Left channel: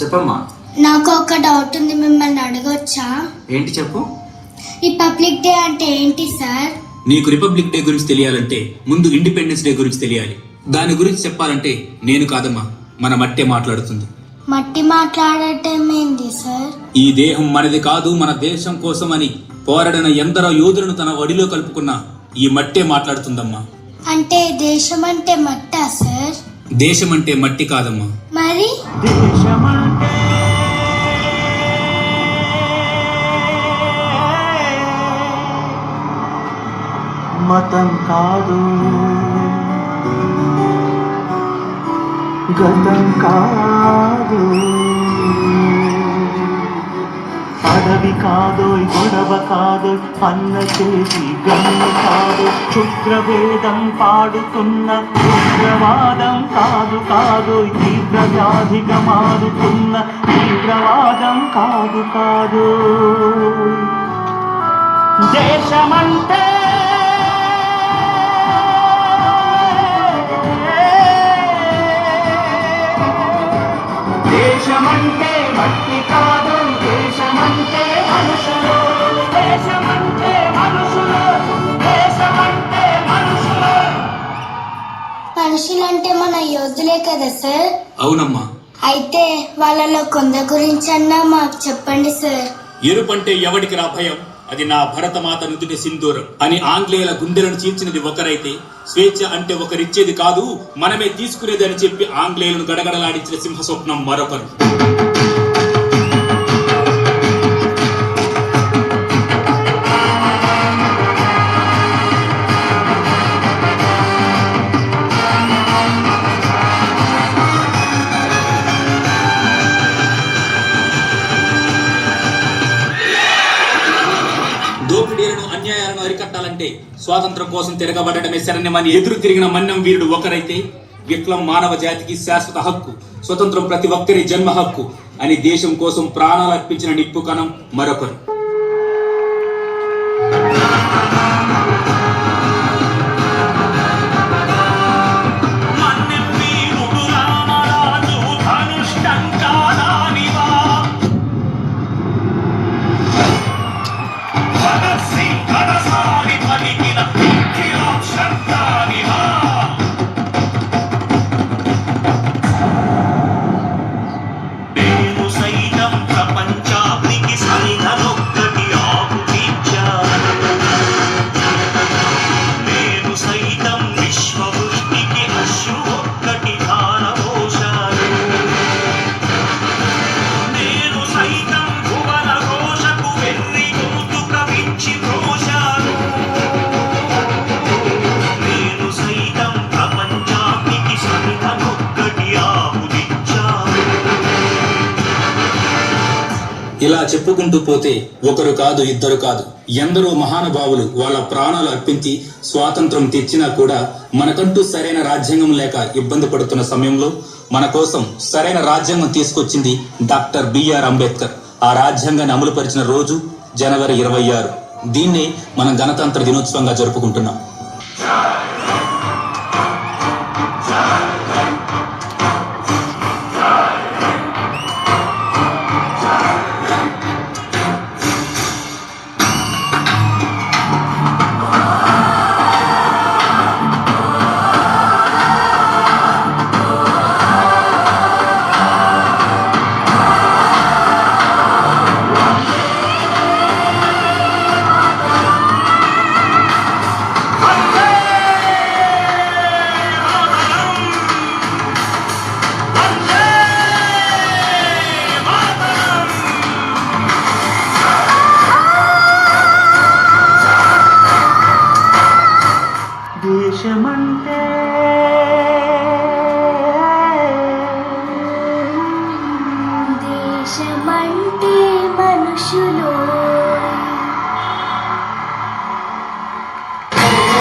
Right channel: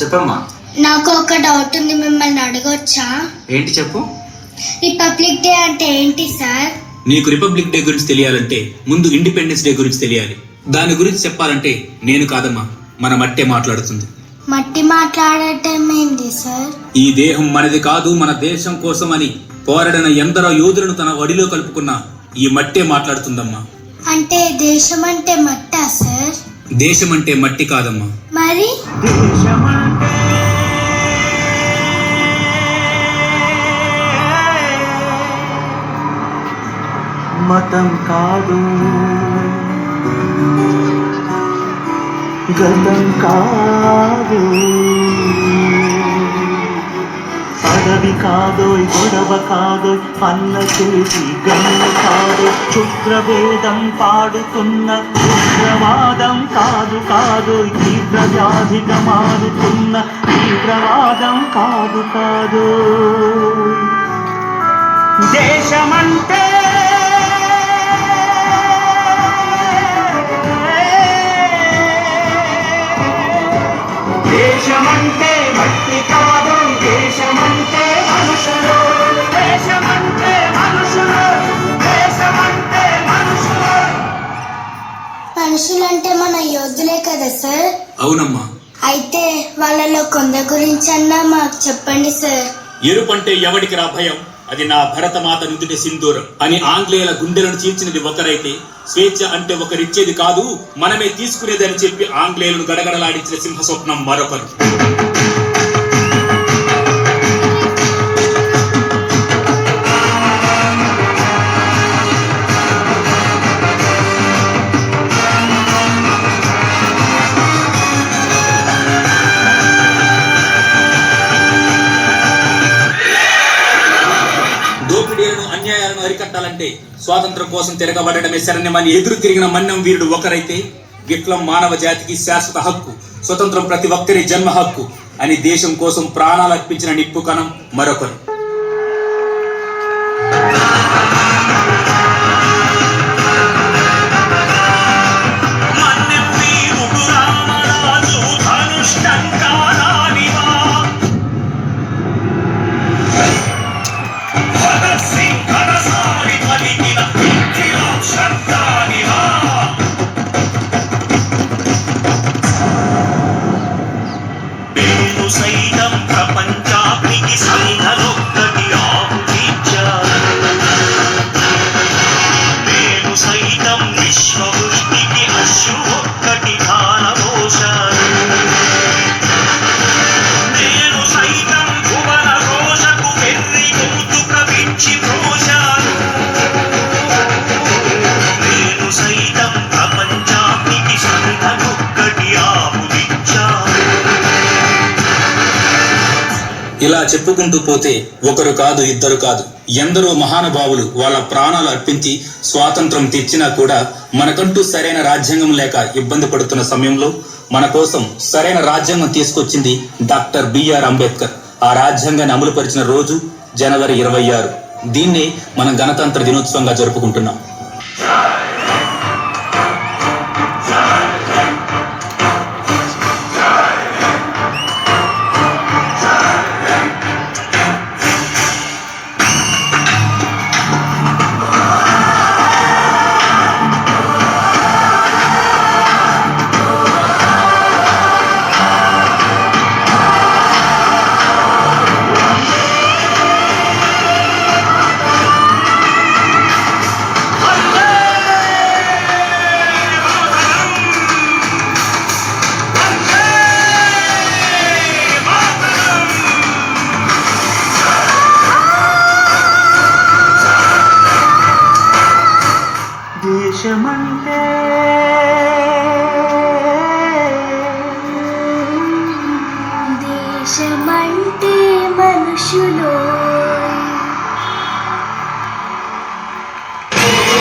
చెప్పమ్మా. నాకు ఒక డౌట్ ఉంది, మిమ్మల్ని అడగొచ్చా? ఏంటి చెప్పు. రిపబ్లిక్ డే అంటే ఏంటి సార్? నీకు రిపబ్లిక్ డే గురించి తెలియాలంటే ముందు ఇండిపెండెన్స్ డే గురించి తెలియాలి. దాని గురించి చెప్పాలంటే నేను కాదమ్మా, మన మట్టే మాట్లాడుతుంది. మట్టి మాట్లాడటం ఏంటి సార్? ఈ దేహం మనది కాదు, మన దేశం కోసం అని పోరాడిన ఎందరో యోధులను తన ఒడిలో కలుపుకున్న ఈ మట్టే మాట్లాడుతుందమ్మా. అంటే దేశం అంటే మట్టా సార్? దేశం అంటే మట్టి కాదమ్మా. మరి మతం కాదు, గతం కాదు, పదవి కాదు, గొడవ కాదు, అన్న చేసి గన్ను కాదు, క్షుద్రవేదం పాడుతున్న ఉగ్రవాదం కాదు కాదు, తీవ్ర వ్యాధిగా మారుతున్న తీవ్రవాదం కాదు కాదు. దేశమంటే దేశమంటే మట్టి కాదు, దేశమంటే మనుషులు, దేశమంటే మనుషులు, దేశమంటే మనుషులు. మనుషులంటే మన యోధులే కదా సార్? అవునమ్మా. అయితే వాళ్ళలో కొందరి గురించి అన్నా మాకు చెప్పండి సార్. ఎరుపంటే ఎవడికి రా భయం, అది నా భరతమాత నుదుటి సింధూరం అని ఆంగ్లేయుల గుండెలను చీల్చినది ఒకరైతే, స్వేచ్ఛ అంటే ఒకరిచ్చేది కాదు మనమే తీసుకునేది అని చెప్పి ఆంగ్లేయులను గడగడలాడించిన సింహస్వప్నం మరొకరు. దోపిడీలను అన్యాయాలను అరికట్టాలంటే స్వాతంత్రం కోసం తిరగబడటమే శరణ్యమని ఎదురు తిరిగిన మన్నం వీరుడు ఒకరైతే, విప్లవం మానవ జాతికి శాశ్వత హక్కు, స్వతంత్రం ప్రతి ఒక్కరి జన్మ హక్కు అని దేశం కోసం ప్రాణాలు అర్పించిన నిప్పు కణం మరొకరు. సైతం ప్రపంచానికి సంఘనొక్కటి ఆహుతిచ్చారు, నేను సైతం విశ్వవృష్టికి అశ్రు ఒక్కటి ధారపోశారు, నేను సైతం భువన రోషకు వెర్రి గొంతుక విచ్చి పోశాను, నేను సైతం ప్రపంచానికి సంఘనొక్కటి ఆహుతిచ్చారు. ఇలా చెప్పుకుంటూ పోతే ఒకరు కాదు, ఇద్దరు కాదు, ఎందరో మహానుభావులు వాళ్ళ ప్రాణాలు అర్పించి స్వాతంత్రం తెచ్చినా కూడా మనకంటూ సరైన రాజ్యాంగం లేక ఇబ్బంది పడుతున్న సమయంలో మన కోసం సరైన రాజ్యాంగం తీసుకొచ్చింది డాక్టర్ బిఆర్ అంబేద్కర్. ఆ రాజ్యాంగాన్ని అమలుపరిచిన రోజు జనవరి 26. దీన్నే మనం గణతంత్ర దినోత్సవంగా జరుపుకుంటున్నాం. దేశమంటే దేశమంటే మనుషులు,